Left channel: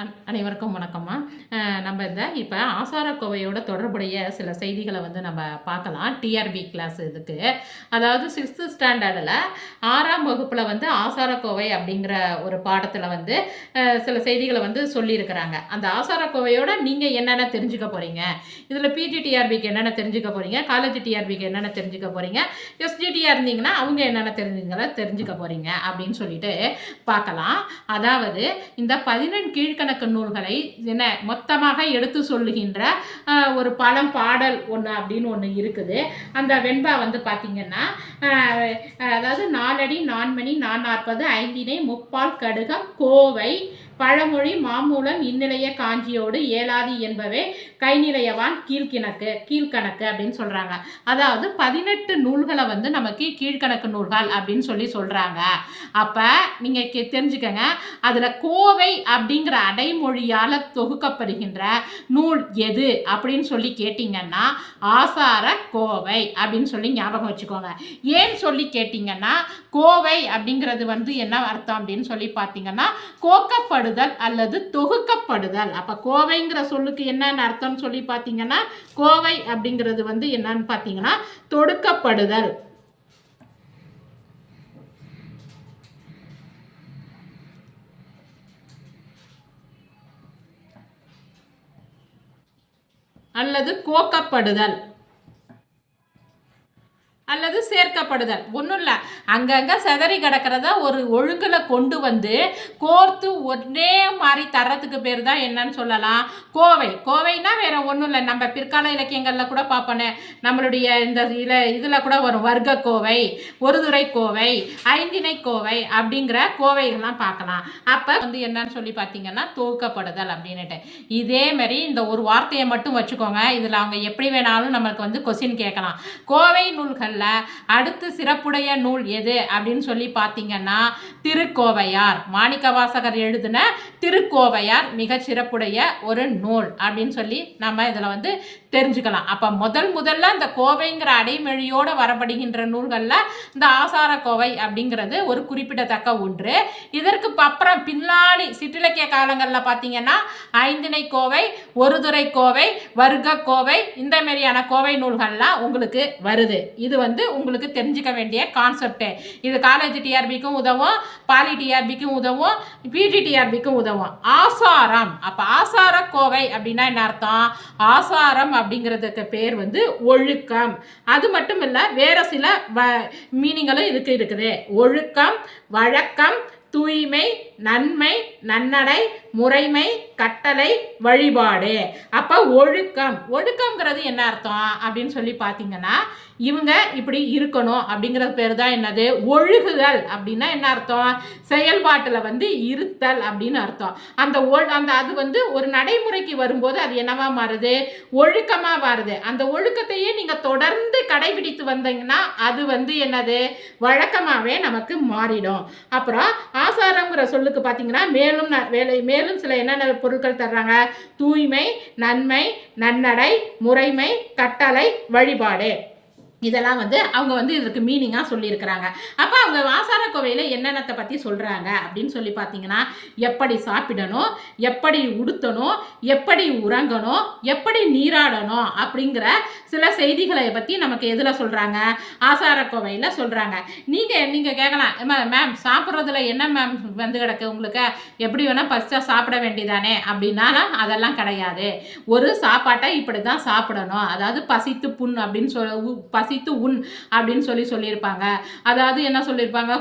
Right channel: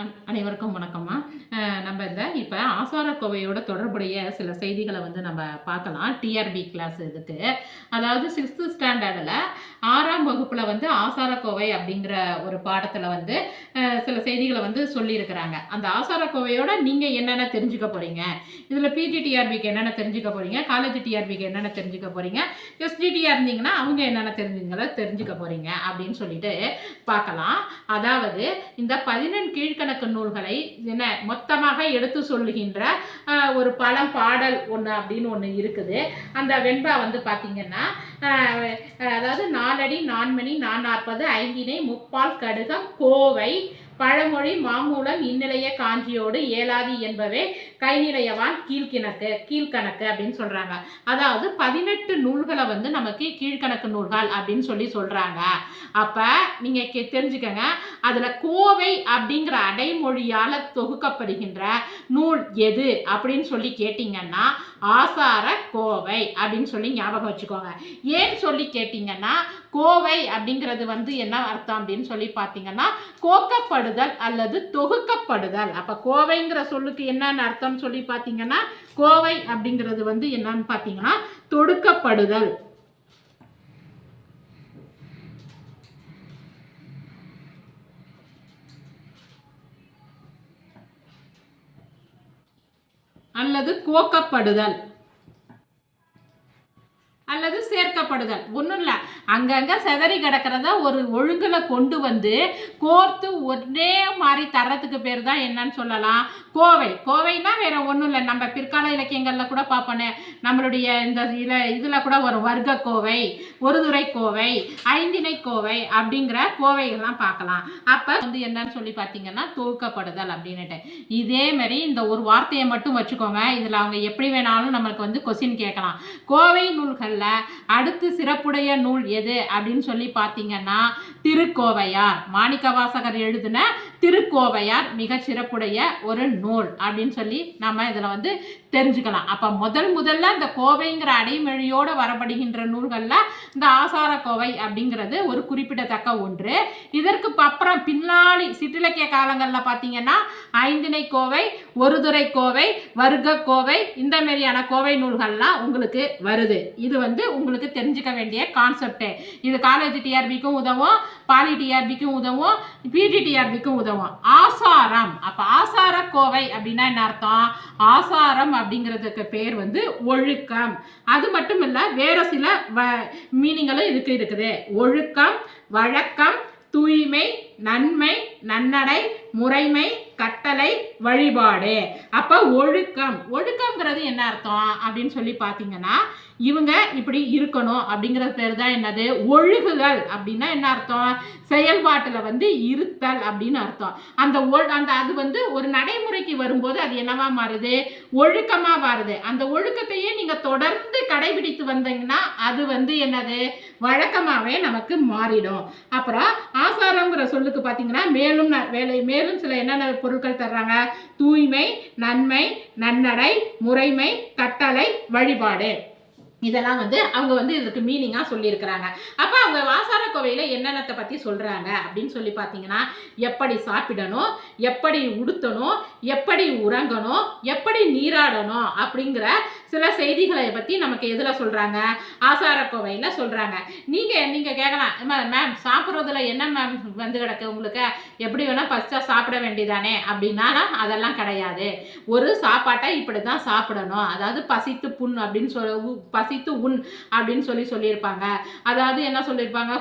அனைவருக்கும் வணக்கம்மா. நம்ம இப்போ ஆசாரக்கோவையோட தொடர்புடைய சில செய்திகளை நம்ம பார்க்கலாம். டிஆர்பி கிளாஸ் இதுக்கு. அதாவது 6th ஸ்டாண்டர்டில் 6ஆம் வகுப்பில் ஆசாரக்கோவை அப்படிங்கிற ஒரு பாடத்தில் சில செய்திகளை சொல்லியிருக்கிறாங்க. அந்த ஆசாரக்கோவையோட நீங்கள் என்னென்ன தெரிஞ்சுக்க போகிறீங்க, இதில் பிஜி டிஆர்பிக்கு என்னென்ன தெரிஞ்சுக்க போகிறீங்க, காலேஜ் டிஆர்பிக்கு என்னென்ன தெரிஞ்சுக்க போகிறீங்க, எஸ்டிடிஆர் இருந்தீங்கன்னா அவங்க என்னென்ன தெரிஞ்சுக்க போகிறீங்க அப்படின்னு சொல்லிட்டு பார்க்கலாம். அதாவது இந்த 11 கீழ்கணக்கு நூல்களை என்ன மொத்தமாக எடுத்து சொல்லுகின்ற ஒரு பழம் பாடல் ஒன்று அப்படின்னு ஒன்று இருக்குது. அந்த வெண்பா பார்த்தீங்கன்னா, அதாவது 4 அடி 4 மணி 440 ஐந்தினை முப்பால் கடுகம் கோவை பழமொழி மாமூலம் இந்நிலைய காஞ்சியோடு ஏலாதி என்பவே கைநிலையவான் கீழ்கணக்கு அப்படின்னு சொல்றாங்க. அதாவது 18 நூல்களை நமக்கு கீழ்கணக்கு நூல்கள் அப்படின்னு சொல்றாங்க. அப்ப நீங்க தெரிஞ்சுக்கங்க, அதுல கோவை அப்படிங்கிற அடைமொழியால தொகுக்கப்படுகின்ற நூல் எது அப்படின்னு கேட்டீங்கன்னா ஆசார கோவை அப்படின்னு ஞாபகம் வச்சுக்கோங்க. ஏன் கேட்டீங்கன்னா, கோவை அப்படிங்கிறது என்ன அர்த்தம் அப்படின்னு பார்த்தீங்கன்னா கோக்கப்படுதல் அல்லது தொகுக்கப்படுதல். அப்ப கோவைங்கிற சொல்லுக்கு என்னன்னு அர்த்தம் பார்த்தீங்கன்னா, கோவை அப்படிங்கிறது என்னன்னு பார்த்தீங்கன்னா தொடுக்கப்படுதல் அல்லது கோக்கப்படுதல் அல்லது சேர்க்கப்படுதல். ஒன்றும் இல்லை, அங்கங்கே செதறி கிடக்கிறத ஒரு ஒழுங்கில் கொண்டு கோர்த்து ஒரே மாதிரி தரத்துக்கு பேர் தான் என்னன்னு சொல்லலாம் கோவைனா வேற ஒன்றும் இல்லை. நம்ம பிற்கால இலக்கியங்களில் கூட பார்ப்போனே, நம்மளுடைய இந்த இதில் கூட ஒரு வர்க்க கோவை, ஒருதுறை கோவை, ஐந்திணை கோவை அப்படிங்கிற கோவைகள்லாம் பார்க்கலாம். அப்போ என்னன்னு பார்த்தீங்கன்னா தொகுக்கப்படுதல் அப்படின்னுட்டு. இதே மாதிரி இந்த ஒரு வார்த்தையை மட்டும் வச்சுக்கோங்க. இதில் அவங்க எப்படி வேணாலும் நம்மளுக்கு கொஸ்டின் கேட்கலாம். கோவை நூல்கள் அடுத்து சிறப்புடைய நூல் எது அப்படின்னு பார்த்தீங்கன்னா திருக்கோவையார். மாணிக்கவாசகர் எழுதின திருக்கோவையார் மிக சிறப்புடைய ஒரு நூல் அப்படின்னு நாம இதுல தெரிஞ்சுக்கலாம். அப்ப முதல்ல இந்த கோவைங்கிற அடைமொழியோட வரப்படுகின்ற நூல்கள்ல இந்த ஆசார கோவை அப்படிங்கிறது ஒரு குறிப்பிடத்தக்க ஒன்று. இதற்கு அப்புறம் பின்னாடி சிற்றிலக்கிய காலங்களில் பார்த்தீங்கன்னா ஐந்திணை கோவை, ஒருதுறை கோவை, வர்க்க கோவை, இந்த மாதிரியான கோவை நூல்கள்லாம் உங்களுக்கு வருது. இது உங்களுக்கு தெரிஞ்சுக்க வேண்டிய கான்செப்ட். இது காலேஜ் டிஆர்பிக்கும் உதவும், பாலி டிஆர்பிக்கும் உதவும், பிஜி டிஆர்பிக்கும் உதவும். ஆசாரம். அப்ப ஆசார கோவை அப்படின்னா என்ன அர்த்தம்? ஆசாரம் அப்படிங்கிறதுக்கு பேர் ஒழுக்கம். அது மட்டும் இல்ல, வேற சில மீனிங்களும் இதுக்கு இருக்குது. ஒழுக்கம், வழக்கம், தூய்மை, நன்மை, நன்னடை, முறைமை, கட்டளை, வழிபாடு. அப்ப ஒழுக்கம்ங்கிறது என்ன அர்த்தம் அப்படின்னு பார்த்தீங்கன்னா, இவங்க இப்படி இருக்கணும் அப்படிங்கிறது பேர் தான் என்னது? ஒழுகுதல். அப்படின்னா என்ன அர்த்தம்? செயல்பாட்டில் இருத்தல் அப்படின்னு அர்த்தம். அந்த அது ஒரு நடைமுறைக்கு வரும்போது அது என்னவா மாறுது? ஒழுக்கமா மாறுது. அந்த ஒழுக்கத்தையே நீங்க தொடர்ந்து கடைபிடித்து வந்தீங்கன்னா அது என்னது? வழக்கமாவே நமக்கு மாறிடும். அப்புறம் ஆசாரம்ங்கிற சொல்லுக்கு பார்த்தீங்கன்னா மேலும் சில என்னென்ன பொருட்கள் தர்றாங்க? தூய்மை, நன்மை, நன்னடை, முறைமை, கட்டளை, வழிபாடு. இதெல்லாம் அவங்க இதற்கு மீனிங்கா சொல்லியிருக்கிறாங்க. அப்ப அவங்க ஆசார கோவையில் என்னென்னத்தை பத்தி சொல்றாங்க அப்படின்னு பார்த்தீங்கன்னா, எப்படி சாப்பிடணும், எப்படி உடுத்தணும், எப்படி உறங்கணும், எப்படி நீராடணும் அப்படிங்கிற சில செய்திகளை பத்தி நமக்கு எதுல சொல்றாங்க? ஆசார கோவையில சொல்றாங்க. நீங்க கேட்கலாம், மேம் சாப்பிட்றதுல என்ன மேம் கிடக்கு உங்களுக்கு? எப்படி வேணா பசிச்சா சாப்பிட வேண்டியதானே அப்படின்னா அதெல்லாம் கிடையாது. ஒரு சாப்பாட்டை இப்படிதான் சாப்பிடணும். அதாவது பசித்து புண் அப்படின்னு பசித்து உண் அப்படின்னு சொல்லியிருப்பாங்க. அதாவது என்ன சொல்லியிருப்பாங்க?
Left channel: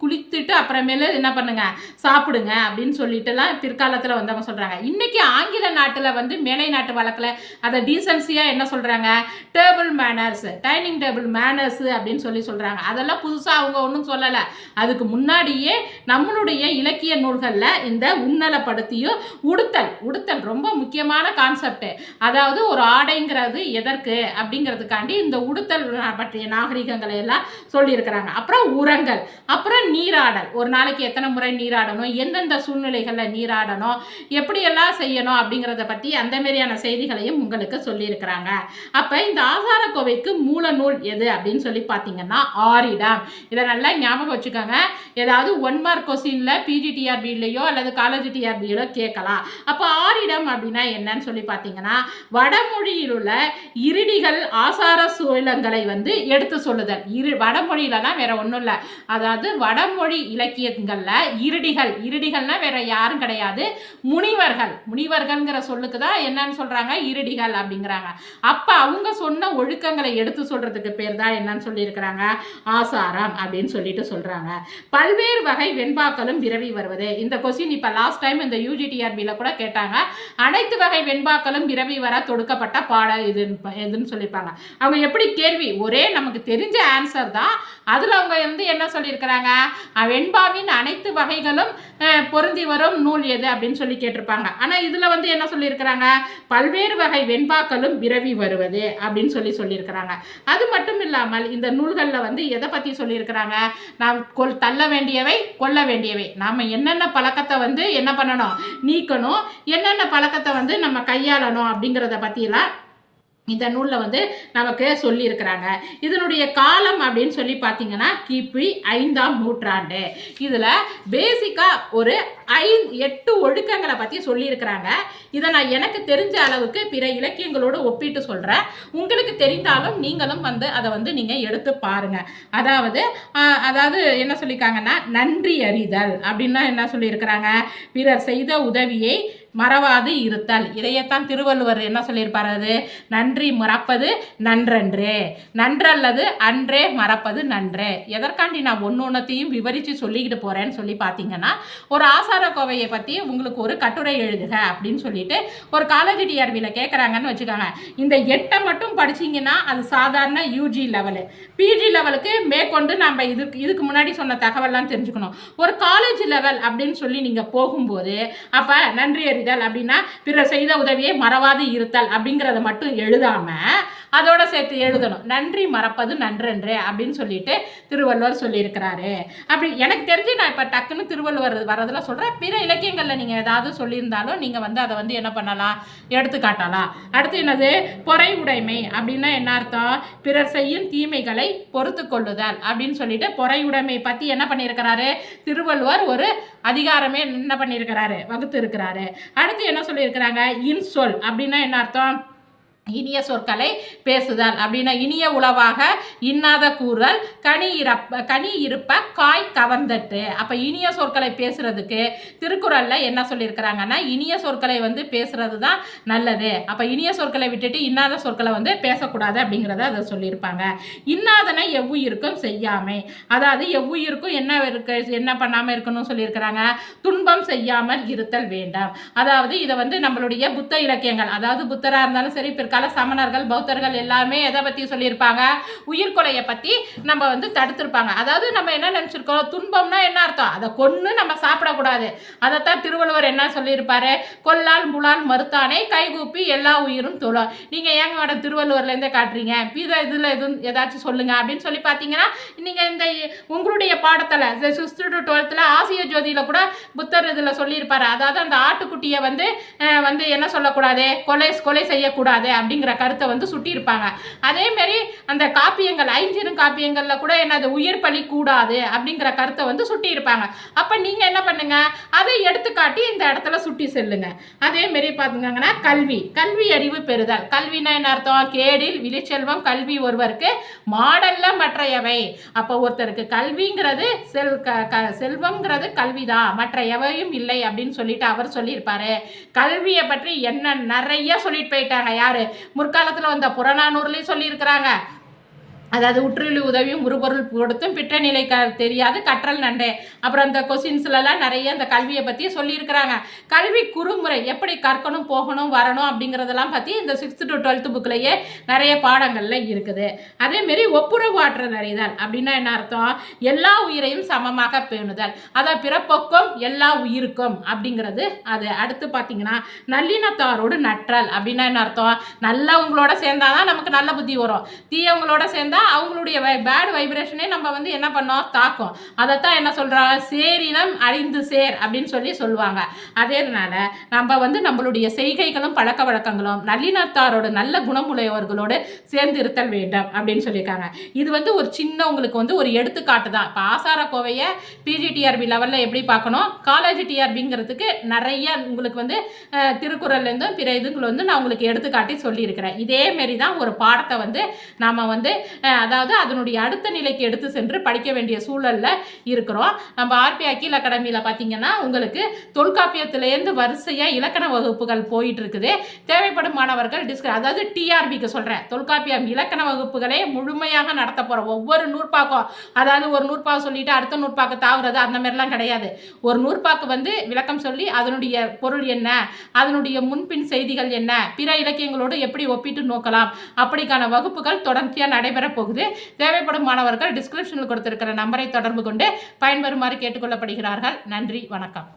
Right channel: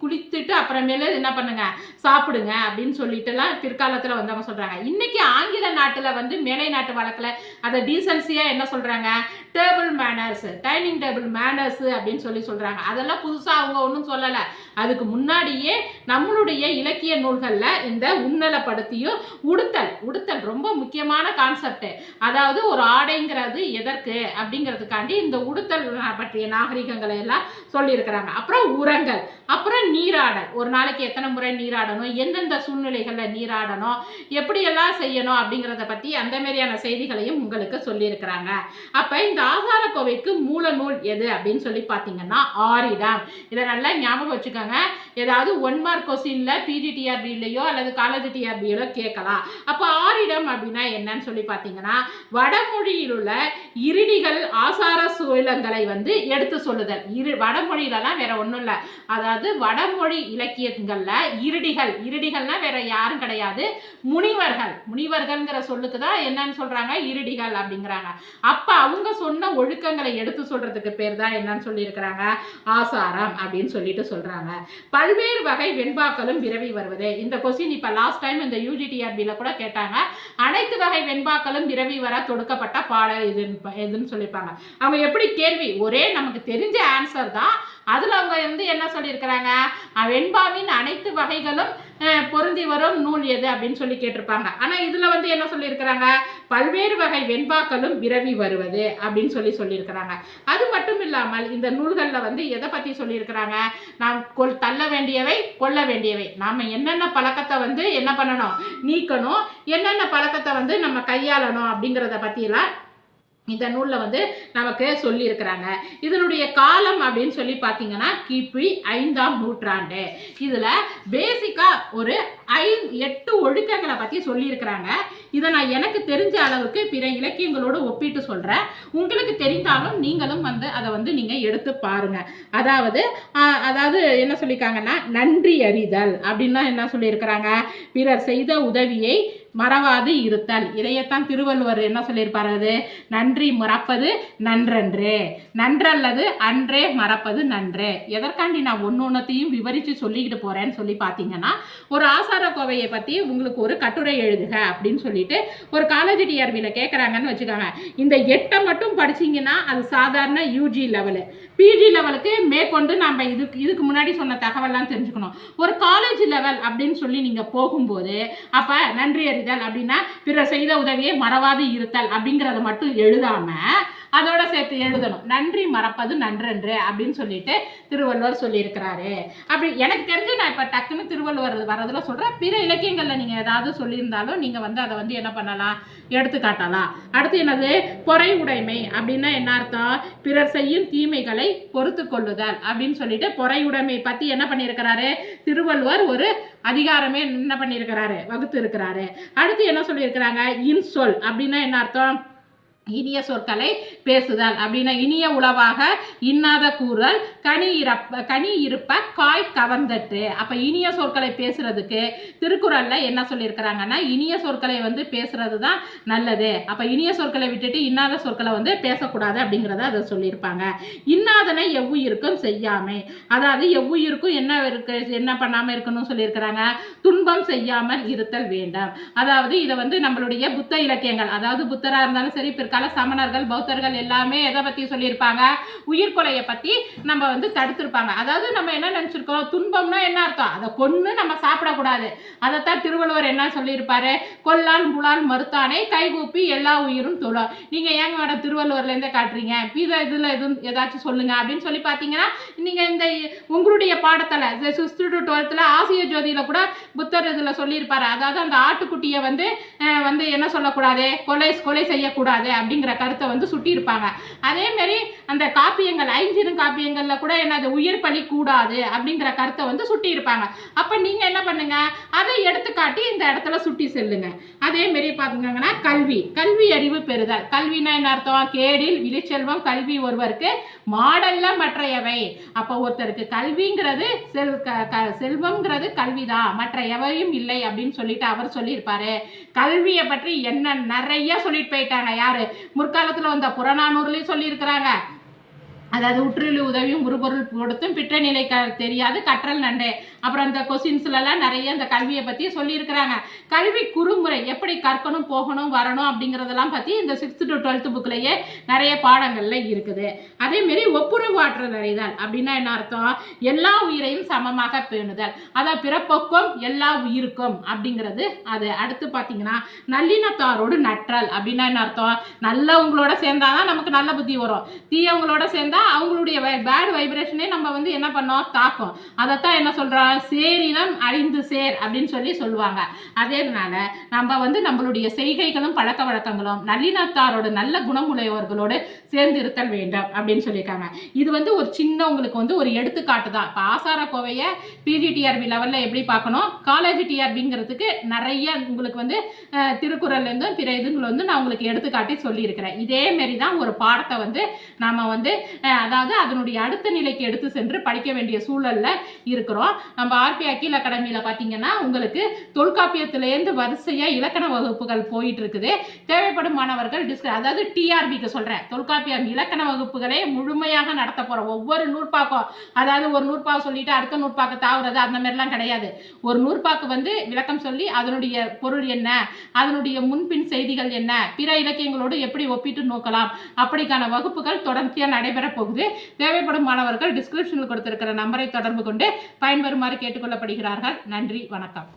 குளித்துட்டு அப்புறமேல என்ன பண்ணுங்க, சாப்பிடுங்க அப்படின்னு சொல்லிட்டுலாம் பிற்காலத்தில் அவங்க சொல்றாங்க. இன்னைக்கு ஆங்கில நாட்டில் மேலை நாட்டு வழக்கில் அதை டீசன்சியா என்ன சொல்றாங்க? Table manners, dining table manners அப்படின்னு சொல்றாங்க. அதெல்லாம் புதுசாக அவங்க ஒன்றும் சொல்லலை. அதுக்கு முன்னாடியே நம்மளுடைய இலக்கிய நூல்களில் இந்த உன்னலப்படுத்தியும் உடுத்தல் ரொம்ப முக்கியமான கான்செப்ட். அதாவது ஒரு ஆடைங்கிறது எதற்கு அப்படிங்கிறதுக்காண்டி இந்த உடுத்தல் பற்றிய நாகரிகங்களை எல்லாம் சொல்லியிருக்கிறாங்க. அப்புறம் உரங்கள், அப்புறம் நீராடல், ஒரு நாளைக்கு எத்தனை முறை நீராடணும், எந்தெந்த சூழ்நிலைகளில் நீராடணும், எப்படியெல்லாம் செய்யணும் அப்படிங்கிறத பற்றி அந்த மாதிரியான செய்திகளையும் உங்களுக்கு சொல்லியிருக்கிறாங்க. அப்போ இந்த ஆசாரக்கோவைக்கு மூல நூல் எது அப்படின்னு சொல்லி பார்த்தீங்கன்னா ஆரிடம். இதை நல்லா ஞாபகம் வச்சுக்கோங்க. ஏதாவது 1 மார்க் கொஸ்டின்ல பிஜிடிஆர்பிலையோ அல்லது காலேஜ் டிஆர்பியிலோ கேட்கலாம். அப்போ ஆரிடம் அப்படின்னா என்னன்னு சொல்லி பார்த்தீங்கன்னா வடமொழியில் உள்ள இருடிகள் ஆசார சூழங்களை வந்து எடுத்து சொல்லுதல். வடமொழியிலலாம் வேற ஒன்றும் இல்லை. அதாவது வடமொழி இலக்கியங்கள்ல இருடிகள்னா வேற யாரும் கிடையாது, முனிவர்கள்ங்கிற சொல்லுக்கு தான் என்னன்னு சொல்றாங்க, இருடிகள் அப்படிங்கிறாங்க. அப்ப அவங்க சொன்ன ஒழுக்கங்களை எடுத்து சொல்றதுக்கு பேர் தான் என்னன்னு சொல்லி இருக்கிறாங்க, ஆசாரம் அப்படின்னு சொல்லிட்டு சொல்றாங்க. பல்வேறு வகை வெண்பாக்களும் விரவி வருவது. இந்த கொஸ்டின் இப்ப லாஸ்ட் டைம் இந்த யூஜிடிஆர்பியில கூட கேட்டாங்க. அனைத்து வகை வெண்பாக்களும் விரவி வர தொடுக்கப்பட்ட பாட இதுன்னு சொல்லியிருப்பாங்க. அவங்க எப்படி கேள்வி ஒரே நமக்கு தெரிஞ்ச ஆன்சர் தான், அதுல அவங்க வந்து என்ன சொல்லியிருக்கிறாங்க, வெண்பாவின் அனைத்து வகைகளும் பொருந்தி வரும் நூல் எது அப்படின்னு சொல்லி கேட்டிருப்பாங்க. ஆனா இதுல வந்து என்ன சொல்லியிருக்கிறாங்க, பல்வேறு வகை வெண்பாக்களும் விரவி வருவது அப்படின்னு சொல்லியிருக்கிறாங்க. அது மட்டும் இல்லாமல் இந்த நூல்கள்ல வந்து எதை பத்தி சொல்லியிருக்கிறாங்க, நாம் தள்ள வேண்டியவை கொல்ல வேண்டியவை, நாம என்னென்ன பழக்கத்தை வந்து என்ன பண்ணணும், நீக்கணும், என்னென்ன பழக்கத்தை வந்து நம்ம கையாளணும் அப்படிங்கிறத பத்தியெல்லாம் இந்த நூலில் வந்து நமக்கு சொல்லியிருக்கிறாங்க. இதனுடைய காலம் அப்படின்னு சொல்லி பார்த்தீங்கன்னா கிபி 5ஆம் நூற்றாண்டு. இதில் பேசிக்காக ஒரு 8 ஒழுக்கங்களை பற்றி சொல்லியிருக்கிறாங்க. இதை நான் எனக்கு தெரிஞ்ச அளவுக்கு பிற இலக்கியங்களோடு ஒப்பிட்டு சொல்கிறேன். உங்களுக்கு தெரிந்தாலும் நீங்களும் வந்து அதை வந்து நீங்கள் எடுத்து பாருங்கள். அதாவது என்ன சொல்லியிருக்காங்கன்னா நன்றி அறிதல் அப்படின்னா என்ன சொல்லியிருக்கிறாங்க, பிறர் செய்த உதவியை மறவாது இருத்தல். இதையத்தான் திருவள்ளுவர் என்ன சொல்லியிருப்பாரு, நன்றி மறப்பது நன்றன்றே, நன்றல்லது அன்றே மறப்பது நன்றே. எதற்காண்டி நான் ஒன்னொன்னையும் விவரித்து சொல்லிக்கிட்டு போறேன்னு சொல்லி பார்த்தீங்கன்னா, ஒரு ஆசார கோவையை பற்றி உங்களுக்கு ஒரு கட்டுரை எழுதுக அப்படின்னு சொல்லிட்டு ஒரு காலேஜ் டிஆர்பியில் கேட்குறாங்கன்னு வச்சுக்கோங்க. இந்த 8 மட்டும் படிச்சிங்கன்னா அது சாதாரண யூஜி லெவலு. பிஜி லெவலுக்கு மேற்கொண்டு நம்ம இதுக்கு முன்னாடி சொன்ன தகவல்லாம் தெரிஞ்சுக்கணும். ஒரு காலேஜ் லெவல் அப்படின்னு சொல்லி நீங்கள் போகும்போது அப்போ நன்றி அறிதல் அப்படின்னா பிறர் செய்த உதவியை மறவாது இருத்தல் அப்படிங்கிறத மட்டும் எழுதாம அதோட சேர்த்து எழுதணும், நன்றி மறப்பது நன்றன்று அப்படின்னு சொல்லிட்டு திருவள்ளுவர் சொல்லியிருக்கிறாரு. அப்படி எனக்கு தெரிஞ்சு நான் இப்போ டக்குன்னு திருவள்ளுவர் வரதுல சொல்கிறேன். பிற இலக்கியங்களில் நீங்கள் ஏதாவது சொல்லியிருந்தாலும் நீங்கள் வந்து அதை வந்து என்ன பண்ணலாம், எடுத்துக்காட்டலாம். அடுத்து என்னது, பொறை உடைமை அப்படின்னா என்ன அர்த்தம், பிறர் செய்யும் தீமைகளை பொறுத்து கொள்ளுதல் அப்படின்னு சொல்லிட்டு பொறை உடைமை பற்றி என்ன பண்ணியிருக்கிறாரு திருவள்ளுவர் ஒரு அதிகாரமே என்ன பண்ணியிருக்கிறாரு, வகுத்து இருக்கிறாரு. அடுத்து என்ன சொல்லியிருக்கிறாங்க, இன்சொல் அப்படின்னா என்ன அர்த்தம், இனிய சொற்களை பேசுதல் அப்படின்னா இனிய உளவாக இன்னாத கூறல், கனி இருப்ப காய் கவர்ந்தட்டு. அப்போ இனிய சொற்களை பேசுறதுக்கு திருக்குறள்ல என்ன சொல்லியிருக்கிறாங்கன்னா இனிய சொற்களை வந்து பேசுறது தான் நல்லது. அப்போ இனிய சொற்களை விட்டுட்டு இன்னாத சொற்களை வந்து பேசக்கூடாது அப்படிங்கிறத அதை சொல்லியிருப்பாங்க. இன்னாதனை எவ்வுயிருக்கும் செய்யாமை, அதாவது எவ்வுயிருக்கும் என்ன பண்ணாமல் இருக்கணும்னு சொல்லியிருக்கிறாங்க, துன்பம் செய்யாமல் இருத்தல் வேண்டாம். அதாவது இதை வந்து நம்மளுடைய புத்த இலக்கியங்கள், அதாவது புத்தராக இருந்தாலும் சரி கால சமணர்கள் பௌத்தர்கள் எல்லாமே எதை பற்றி சொல்லியிருப்பாங்க, உயிர்கொலையை பற்றி நம்ம வந்து தடுத்திருப்பாங்க. அதாவது நம்ம என்ன நினச்சிருக்கோம், துன்பம்னா என்ன அர்த்தம், அதை கொன்று நம்ம சாப்பிடக்கூடாது. அதைத்தான் திருவள்ளுவர் என்ன சொல்லியிருப்பாரு, கொல்லால் முளால் மறுத்தானே கைகூப்பி எல்லா உயிரும் தொழ. நீங்கள் ஏங்க மேடம் திருவள்ளுவர்லேருந்தே காட்டுறீங்க, இதில் எதுவும் ஏதாச்சும் சொல்லுங்க அப்படின்னு சொல்லி பார்த்தீங்கன்னா, நீங்கள் இந்த உங்களுடைய பாடத்தில் 6th to 12th ஆசிய ஜோதியில் கூட புத்தர் இதில் சொல்லியிருப்பாரு. அதாவது அந்த ஆட்டுக்குட்டியை வந்து என்ன சொல்லக்கூடாது, கொலை செய்யக்கூடாது அப்படிங்கிற கருத்தை வந்து சுட்டியிருப்பாங்க. அதே மாதிரி அந்த காப்பியங்கள் 5 காப்பியங்கள்ல கூட என்னது உயிர் பலி கூடாது அப்படிங்கிற கருத்தை வந்து சுட்டியிருப்பாங்க. அப்ப நீங்க என்ன பண்ணுங்க, அதை எடுத்துக்காட்டி இந்த இடத்துல சுட்டி செல்லுங்க. அதே மாதிரி பாத்தீங்கன்னா கல்வி அறிவு பெறுதல். கல்வினா என்ன அர்த்தம், கேடில் விழிச்செல்வம் கல்வி ஒருவருக்கு மாடல்ல மற்றையவை. அப்போ ஒருத்தருக்கு கல்விங்கிறது செல்வம்ங்கிறது கல்விதான், மற்ற எவையும் இல்லை அப்படின்னு சொல்லிட்டு அவர் சொல்லியிருப்பாரு. கல்வியை பற்றி என்ன நிறைய சொல்லிட்டு போயிட்டாங்க. யாரு முற்காலத்தில் வந்த புறநானூறுலையும் சொல்லியிருக்கிறாங்க, அதாவது உற்றுழி உதவியும் உருபொருள் கொடுத்தும் பிற்ற நிலை தெரியாது கற்றல் நண்டே. அப்புறம் அந்த கொஸ்டின்ஸ்லாம் நிறைய இந்த கல்வியை பற்றி சொல்லியிருக்கிறாங்க. கல்வி குறுமுறை எப்படி கற்கணும் போகணும் வரணும் அப்படிங்கிறதெல்லாம் பற்றி இந்த 6th to 12th புக்லேயே நிறைய பாடங்கள்ல இருக்குது. அதேமாரி ஒப்புரவு ஆற்றல் அறிதல் அப்படின்னா என்ன அர்த்தம்? எல்லா உயிரையும் சமமாக பேணுதல், அதான் பிறப்பொக்கும் எல்லா உயிருக்கும் அப்படிங்கிறது அது. அடுத்து பார்த்தீங்கன்னா நல்லினத்தாரோடு நற்றல் அப்படின்னா என்ன அர்த்தம்? நல்லவங்களோட சேர்ந்தாதான் நமக்கு நல்ல புத்தி வரும், தீயவங்களோட சேர்ந்தா அவங்களுடைய பேட் வைப்ரேஷனே நம்ம வந்து என்ன பண்ணோம் தாக்கும். அதைத்தான் என்ன சொல்கிறோம்? சேரினம் அழிந்து சேர் அப்படின்னு சொல்லுவாங்க. அதேனால நம்ம வந்து நம்மளுடைய செய்கைகளும் பழக்க வழக்கங்களும் நல்லினத்தாரோட நல்ல குணமுடையவர்களோடு சேர்ந்து இருத்தல் வேண்டும் அப்படின்னு சொல்லியிருக்காங்க. இது வந்து ஒரு சின்ன உங்களுக்கு வந்து ஒரு எடுத்துக்காட்டு தான். இப்போ ஆசார கோவையை பிஜிடிஆர்பி லெவலில் எப்படி பார்க்கணும், காலேஜ் டிஆர்பிங்கிறதுக்கு நிறைய உங்களுக்கு வந்து திருக்குறள்லேருந்தும் பிற இதுங்களை வந்து நான் உங்களுக்கு எடுத்துக்காட்டி சொல்லியிருக்கிறேன். இதேமாரி தான் ஒரு பாடத்தை வந்து நாம் வந்து அதாவது அதனுடைய அடுத்த நிலைக்கு எடுத்து சென்று படிக்க வேண்டிய சூழலில் இருக்கிறோம். நம்ம ஆர்பி அகில் அகாடமியில் பார்த்தீங்கன்னா உங்களுக்கு தொல்காப்பியத்திலேருந்து வரிசையாக இலக்கண வகுப்புகள் போயிட்டு இருக்குது. தேவைப்படும் மாணவர்கள் அதாவது டிஆர்பிக்கு சொல்கிறேன், தொல்காப்பியம் இலக்கண வகுப்புகளே முழுமையாக நடத்த போகிறோம். ஒவ்வொரு நூற்பாக்கம், அதாவது ஒரு நூற்பாக்கு சொல்லிட்டு அடுத்த நூற்பாக்கு தாவுறது அந்த மாதிரிலாம் கிடையாது. ஒரு நூற்பாக்கு வந்து விளக்கம் சொல்லி அதனுடைய பொருள் என்ன, அதனுடைய முன்பின் செய்திகள் என்ன, பிற இலக்கியங்களோடு எப்படி ஒப்பிட்டு நோக்கலாம், அப்படிக்கான வகுப்புகள் தொடர்ச்சியாக நடைபெற போகுது. தேவைப்படும் மாணவர்கள் டிஸ்கிரிப்ஷனில் கொடுத்திருக்கிற நம்பரை தொடர்பு கொண்டு பயன்பெறுமாறு கேட்டுக்கொள்ளப்படுகிறார்கள். நன்றி, வணக்கம்.